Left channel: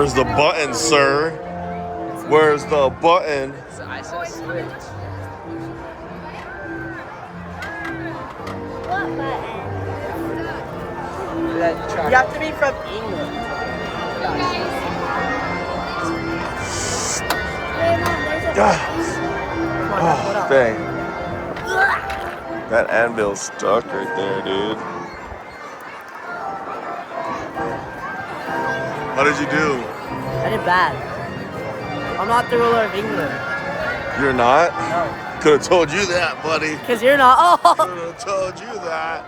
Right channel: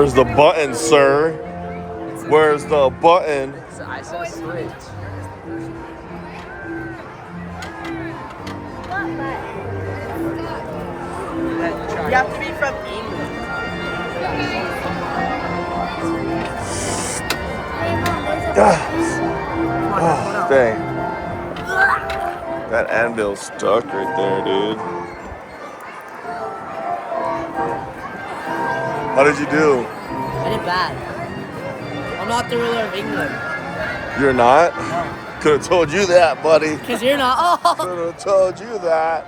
Where's the button, sir? Where's the button? You have to be from England. Oh, dang. That anvil's stuck right there, dude. How did you do? I did bad. I'm not the ruler of England. You're not? No. Could have told you that, buddy. Because you're not. Oh. Could have told you that.